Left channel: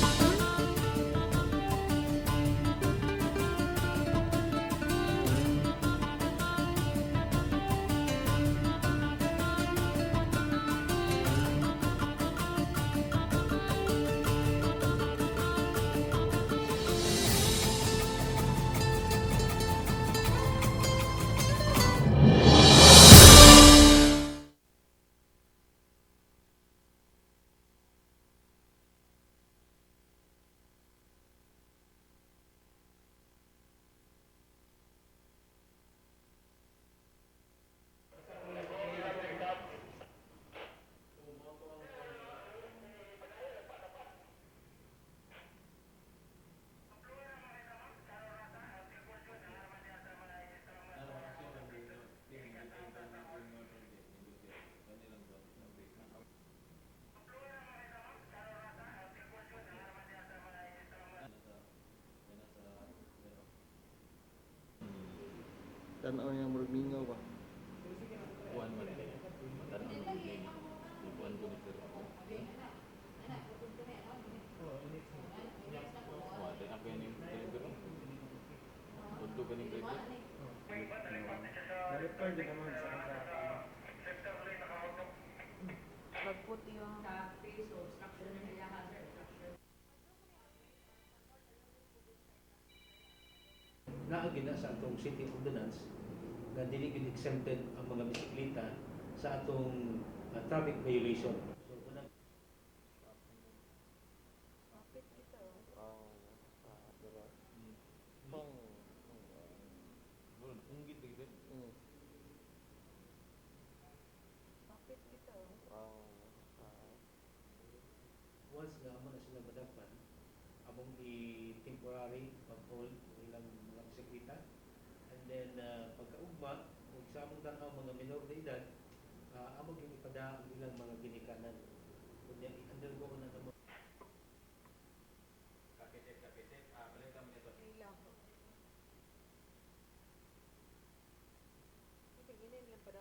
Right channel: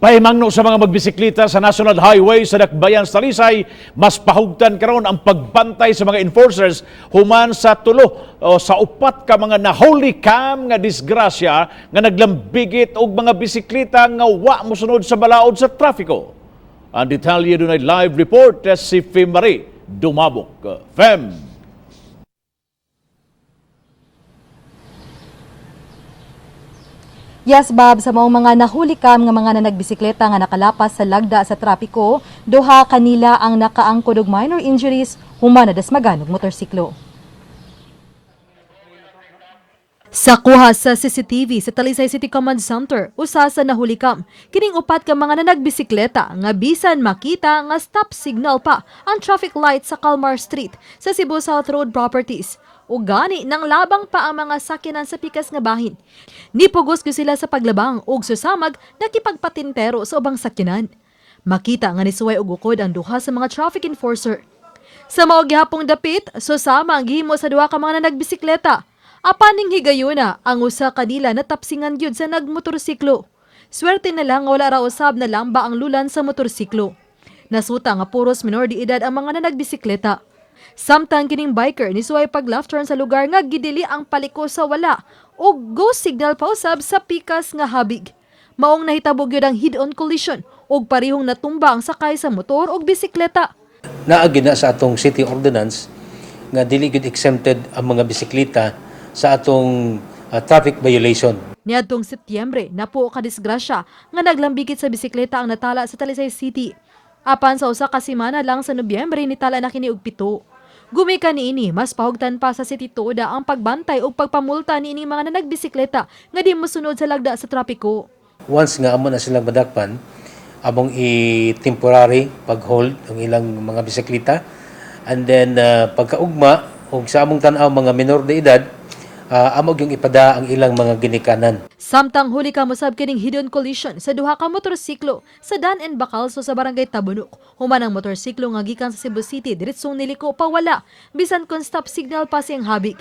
Pahimangno sa mga magbisikleta sa National Highway sa Dakbayan sa Talisay, mas pahugtan karon ang pagbantay sa mga enforcers human sa tulo o sa upat ka mga nahuli cam nga disgrasya nga naglambigit og mga bisikleta nga wa mosunod sa balaod sa trapiko. Ang detalye dunay live report si Marie Dumabok. Fem. Yes, Bob, sa maong mga nahulikam nga mga nagbisikleta nga nakalapas sa lagda sa trapiko, duha kanila ang nakaangkod og minor injuries human na dasmagan og motorsiklo. Sa kuha sa CCTV sa Talisay City Command Center, usa sa nahulikam, kining upat ka mga nagbisikleta nga bisan makita nga stop signal pa ang traffic light sa Calmar Street sa Cebu South Road properties. O gani nang labang pa ang mga sakyanan sa pikas nga bahin. Nipugos ko sila sa paglabang ug susamag nakipagpatintero sa ubang sakyanan. Makita nga nisuway og ukod ang duha sa mga traffic enforcer. Sa mao gihapong dapit, susama ang gihimo sa duha ka mga nagbisikleta. Apaning higayuna ang usa kanila natapsingan gyud sa nagmotorsiklo. Swerte na lang nga wala ra usab na lamba ang lulan sa motorsiklo. Nasuta nga puros menor de edad ang mga nagbisikleta. Samtang kining biker ni suway pag left turn sa lugar nga gidili ang paliko sa wala o go signal pa usab sa pikas nga habig. Maong nahitabog yun ang head-on collision o parihong natumba ang sakay sa motor o bisikleta. Naagi na sa atong city ordinance nga dili gid exempted ang mga bisikleta sa atong traffic violation. Niadtong Setyembre, napuo ka disgrasya nga naglambigit sa bisikleta ang natala sa Talisay City. Apan sa usa ka semana lang sa Nobyembre nitala na kini og 7. Gumika niini, mas pahugtan pa sa City Toda ang pagbantay o pagpamulta niini mga nagbisikleta nga di mosunod sa lagda sa trapiko. Once nga amo na silang madakpan, among i-temporary pag-hold ang ilang mga bisikleta, and then pagkaugma og sa among tan-aw mga menor de edad, amog yung ipada ang ilang mga ginikanan. Samtang huli ka musab kining hidden collision sa duha ka motorsiklo sa Dan and Bacalso sa barangay Tabunok. Human ang motorsiklo nga gikan sa Cebu City diretsong niliko pa wala bisan kon stop signal pa siyang habig.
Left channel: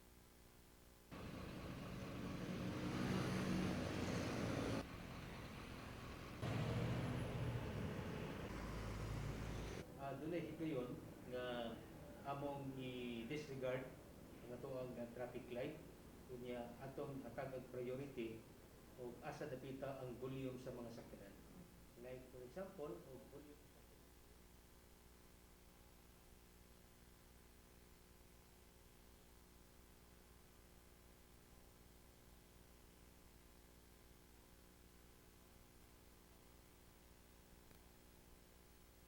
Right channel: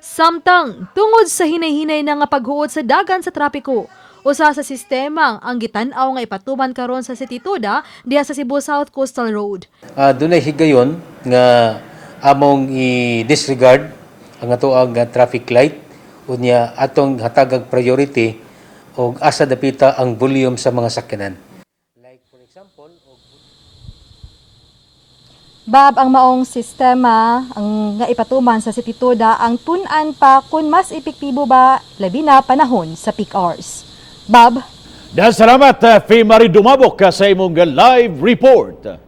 Samtang tungod sa hinay-hinay na nga paghuot sa dagan sa trapiko, usa sa sistema ang gitan-aw nga ipatuman karon sa City Toda diha sa Cebu South Coastal Road. Dunay higayon nga among i-disregard ang atoang traffic light unya atong hatagag priority og asa dapita ang volume sa mga sakyanan. Like for example, Bob, ang maong sistema ang nga ipatuman sa City Toda ang tun-an pa kung mas epektibo ba labi na panahon sa peak hours. Bob? Dahil salamat, Marie Dumabok sa imong live report.